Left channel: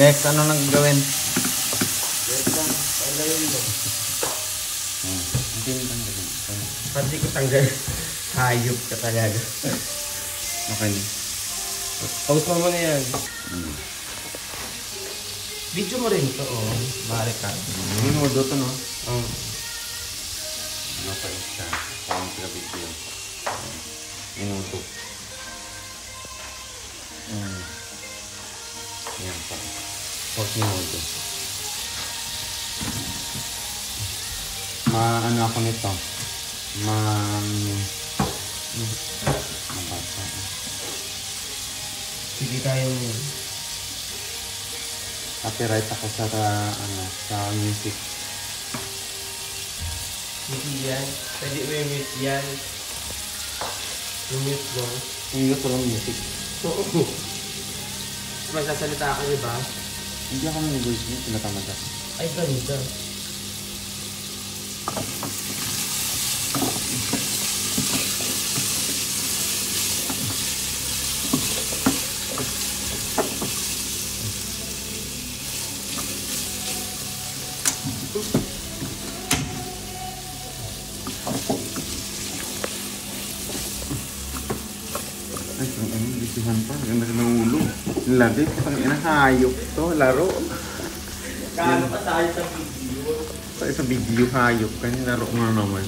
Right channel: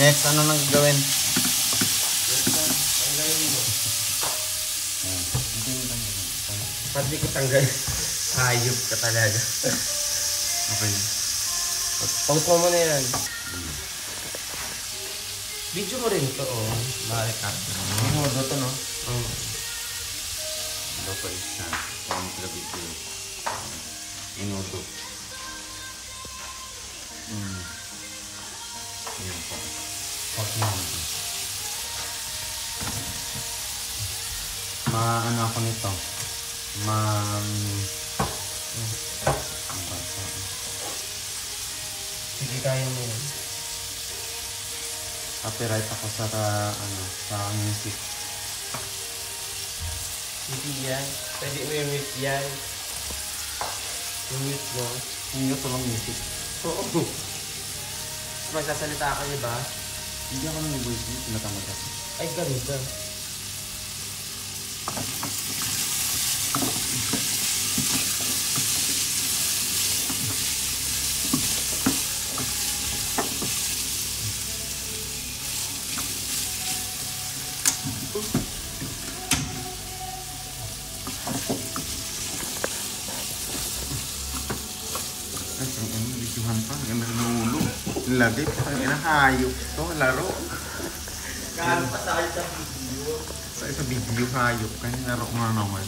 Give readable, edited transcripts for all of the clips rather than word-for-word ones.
Next, ano nang gawin? Next lang, tanggalin mo. Pag di ko tanggal, hayop ka talaga. Okay. Pause mo muna yan. Video mo rin ito, oh. Bakit ka? Hindi mo doon, no? Oo. Ano pa isa? Contra video. Inudo. Yan pa. Inudo. Ano ako nito? Sige, kaya mo yun. Copyright ako sa sa music. Hindi yan. Pwede mo yung mute yan. Yung mute mo. Hindi ko lang music. Oo. Magsasalita ako, diba? Hindi ako nag-voice mo. Tinatamad kasi. Ay, ganito. Ganda ng ulo. Lagi po tayo na hayop to. Laro. Kano pa tayo sa video? Sa video hayop. Kanya laro mo na naman.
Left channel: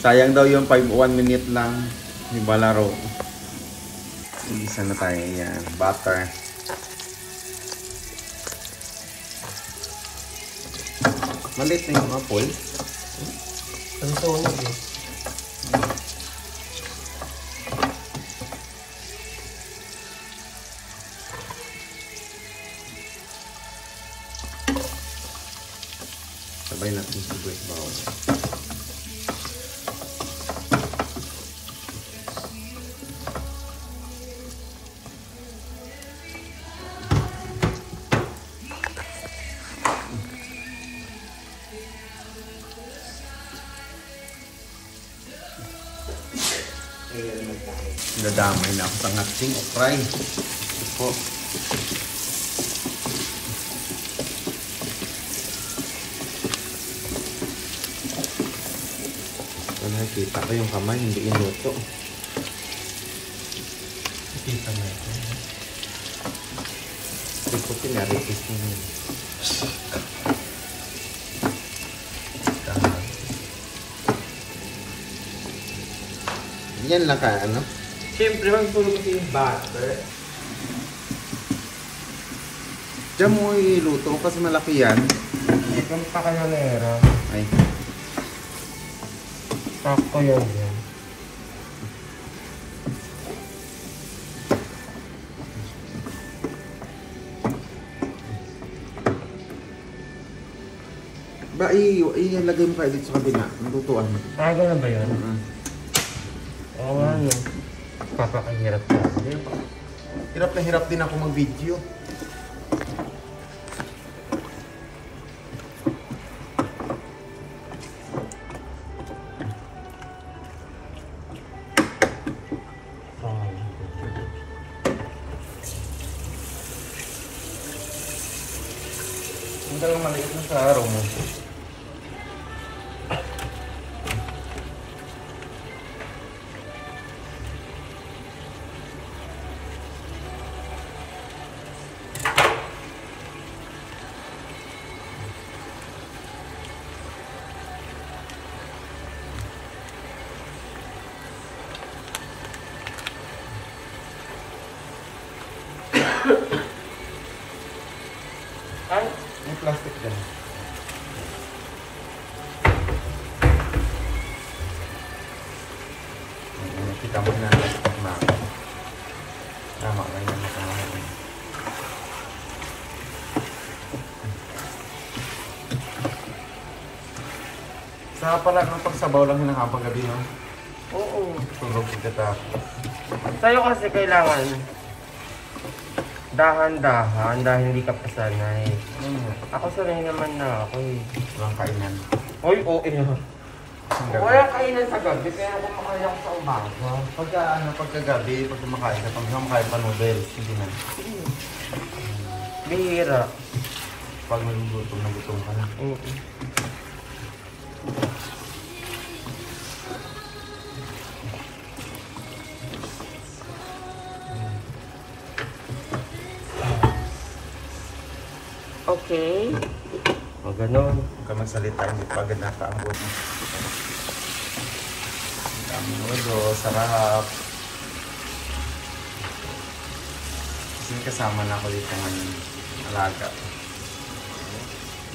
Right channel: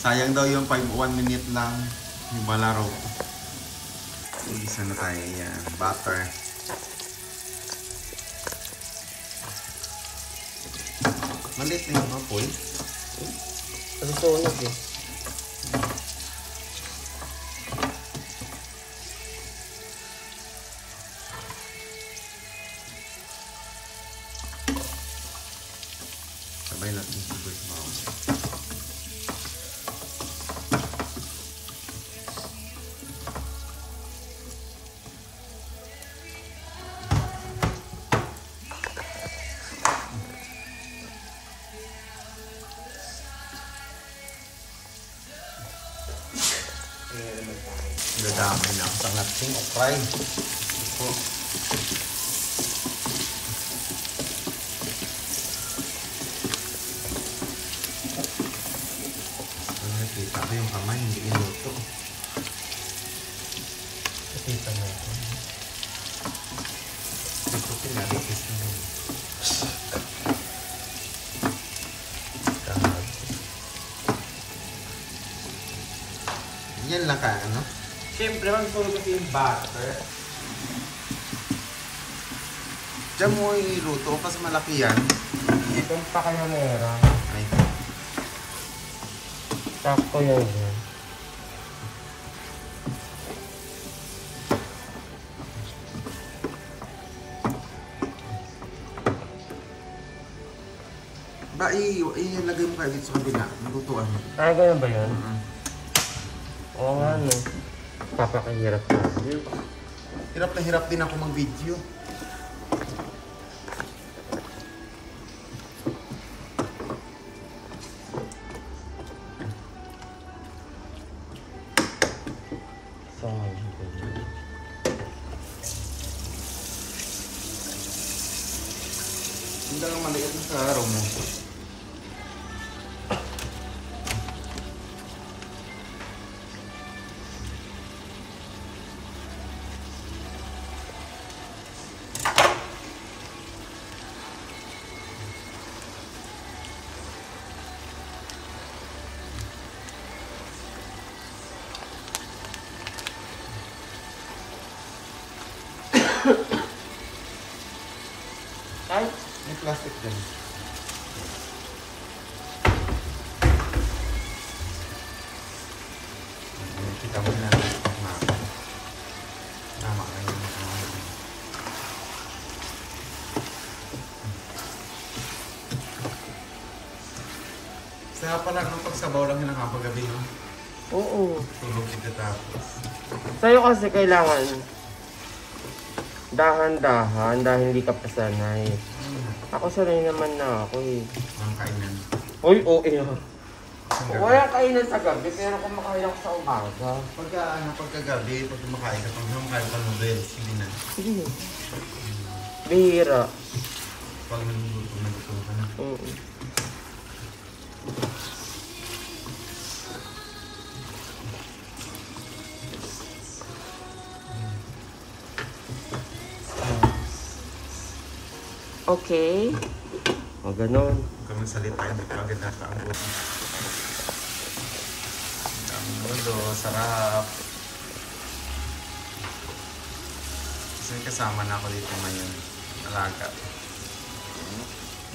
Sayang daw yung 1 minute lang. Yung balaro. Isa na tayo yan. Butter. Malit na yung apple. Ganito ulit eh. Sabay natin sibuyas bawang. Dadamay na ako sa nating okray. Ito. Nakita ko yung kamay, hindi inuto. Nakita mo ito. Ito pinarikis mo. Yan lang ka, ano? Siyempre, magpulog ko yung butter. Diyan mo iluto kasi malaki yan. Itong pa kanya meron. Ay. Sakto yun. Ba, ilagay mo kayo dito sa kabila. Nalutuan mo. Ah, ganun ba yun? Oo, ano. Papakahirap na. Hirap na hirap din ako mag-video. Hindi lang maliit na sa araw mo. yan. Kita mo na. Tama ka yun. Sa pala ng pagsabaw lang hinakapagabi, no? Oo. Tulog pagkatapos. Sa'yo kasi kailangan dahan-dahan dahil hindi ka pasanay. Ako sanay naman na ako eh. Walang kainan. Uy, oo eh. Wala kainan sa gabi, pero kumakain ako sa umaga. Pagkagabi, pag kumakain ka, pag kumakain pa noodles, sige na. Sige. Bihira. Pag nagugutom na gutom ka na. Okay. O, ganun. Huwag ka magsalita, hindi pa agad nakaambot. Ang daming ulo, sarap. Kasi may kasama na ako dito ngayon. Alaga.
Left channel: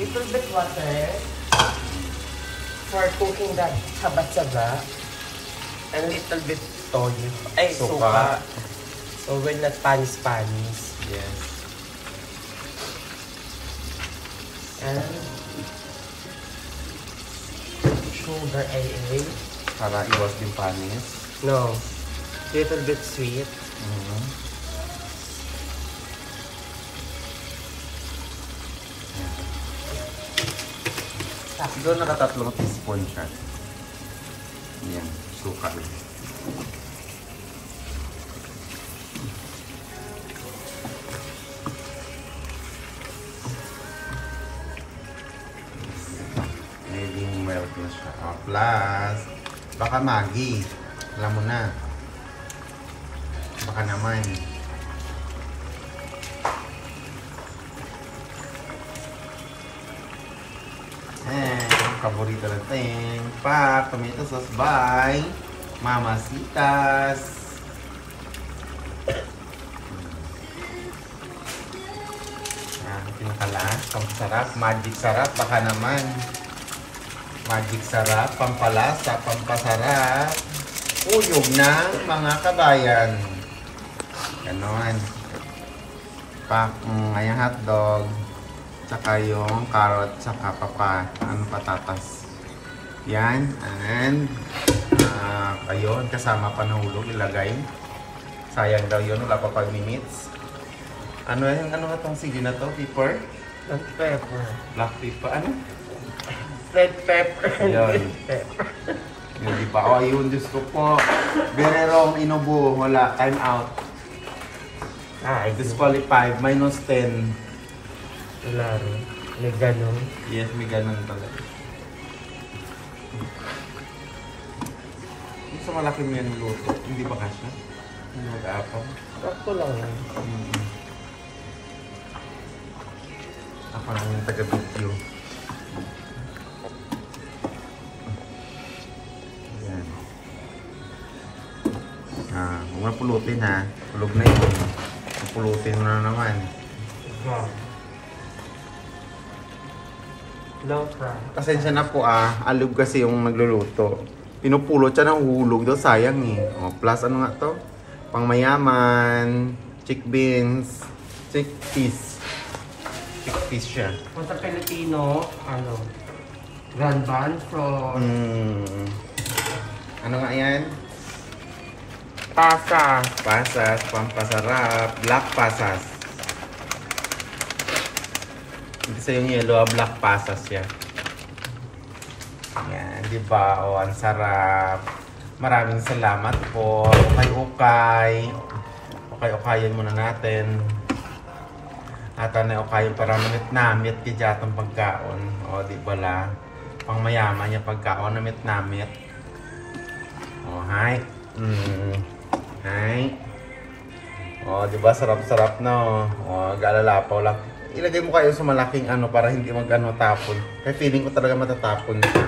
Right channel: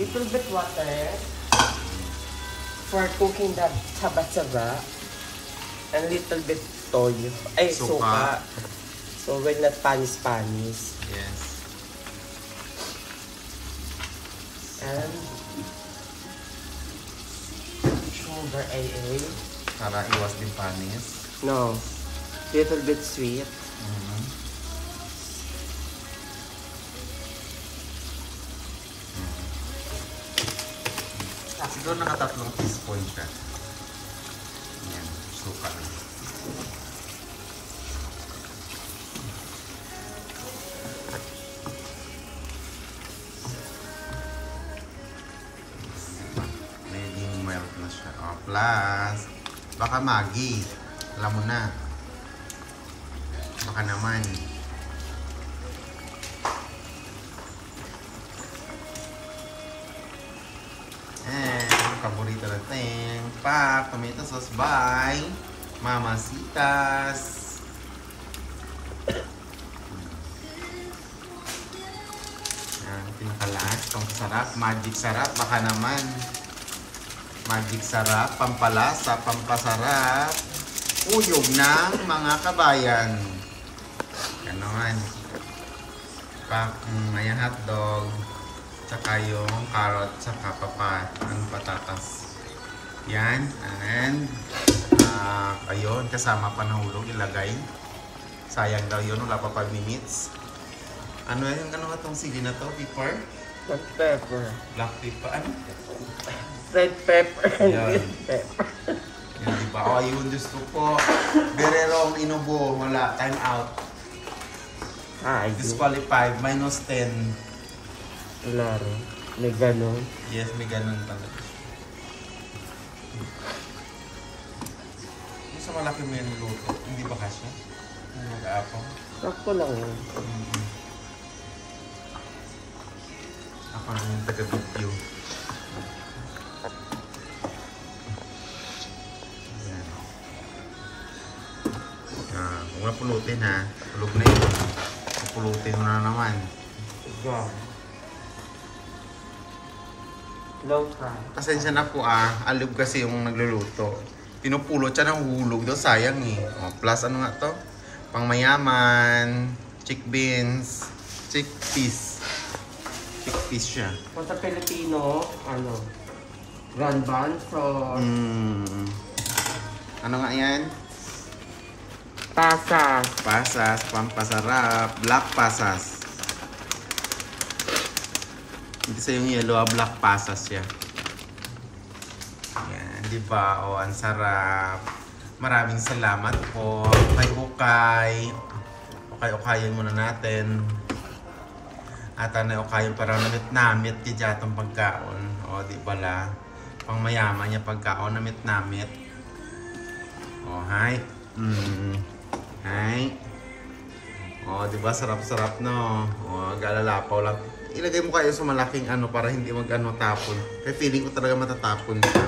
Little bit water for cooking that chaba-chaba. And little bit toyo. Ay, suka. So, will not panis-panis. Yes. And sugar AA. Para iwas din panis. No. Little bit sweet. Siguro nakatatlong teaspoon siya. Yan, suka. Medyo milk na siya. Oh, plus, baka Maggi. Alam mo na. Baka naman. And, paborito natin. Pak, tomato sauce by Mamasitas. Yan, pinakalas. Pampasarap. Magic sarap. Baka naman. Magic sarap. Pampalasa. Pampasarap. Uyog ng mga kabayan. Ganon. Pak, ngayang hotdog. Tsaka yung carrot, tsaka patatas. Yan. And, ayun, kasama pa nahulog, ilagay. Sayang daw yun, wala pa 5 minutes. Ano yung ano nga tong sili na to? Pepper? Black pepper. Black pepper, ano? Red pepper. Yun. Yun, di ba? O, ayun, Diyos ko po. Very wrong, inubo. Wala, time out. Disqualified, minus 10. Wala rin. May ganon. Yes, may ganun talaga. Yung sa malaki mo yan luto, hindi ba kasya? Hindi mag-aapang? Ako lang. Ako lang yung taga-video. Yan. Huwag na pulutin ha. Tulog na yun. Pulutin mo na naman. God. No fry. Pasensya na po alib kasi yung nagluluto. Pinupulot siya ng hulog daw, sayang eh. O, plus ano nga to? Pangmayaman, chickpeas. Chickpeas siya. Kung sa Pilipino, ano? Grand banso. Ano nga yan? Pasas. Pasas, pampasarap, black pasas. Hindi sa yung yellow, black pasas siya. Yan, di ba? O, ang sarap. Maraming salamat po. Ukay-ukay. Ukay-ukayan muna natin. At na ukayan para namit-namit kaya itong pagkaon. O, di ba la? Pang mayaman niya pagkaon, namit-namit. O, hi. Hi. O, di ba? Sarap-sarap, no? O, galalapaw lang. Ilagay mo kayo sa malaking ano para hindi mag-ano tapon. Kaya feeling ko talaga matatapon siya.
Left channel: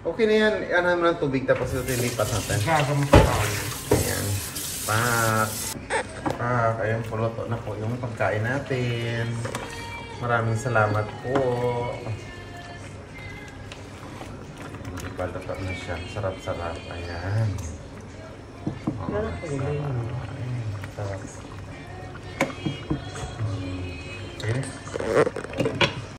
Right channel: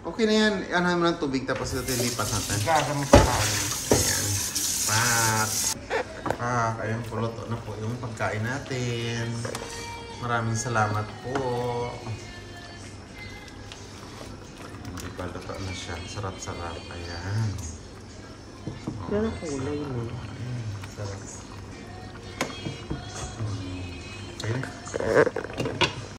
Okay na yan. Ano naman ng tubig tapos ito ilipat natin. Gaga mo pa tayo. Ayan. Pak. Pak. Ayan, puluto na po yung pagkain natin. Maraming salamat po. Hindi pa luto na siya. Sarap-sarap. Ayan. Yan ang kulay mo. Sarap. Ayun.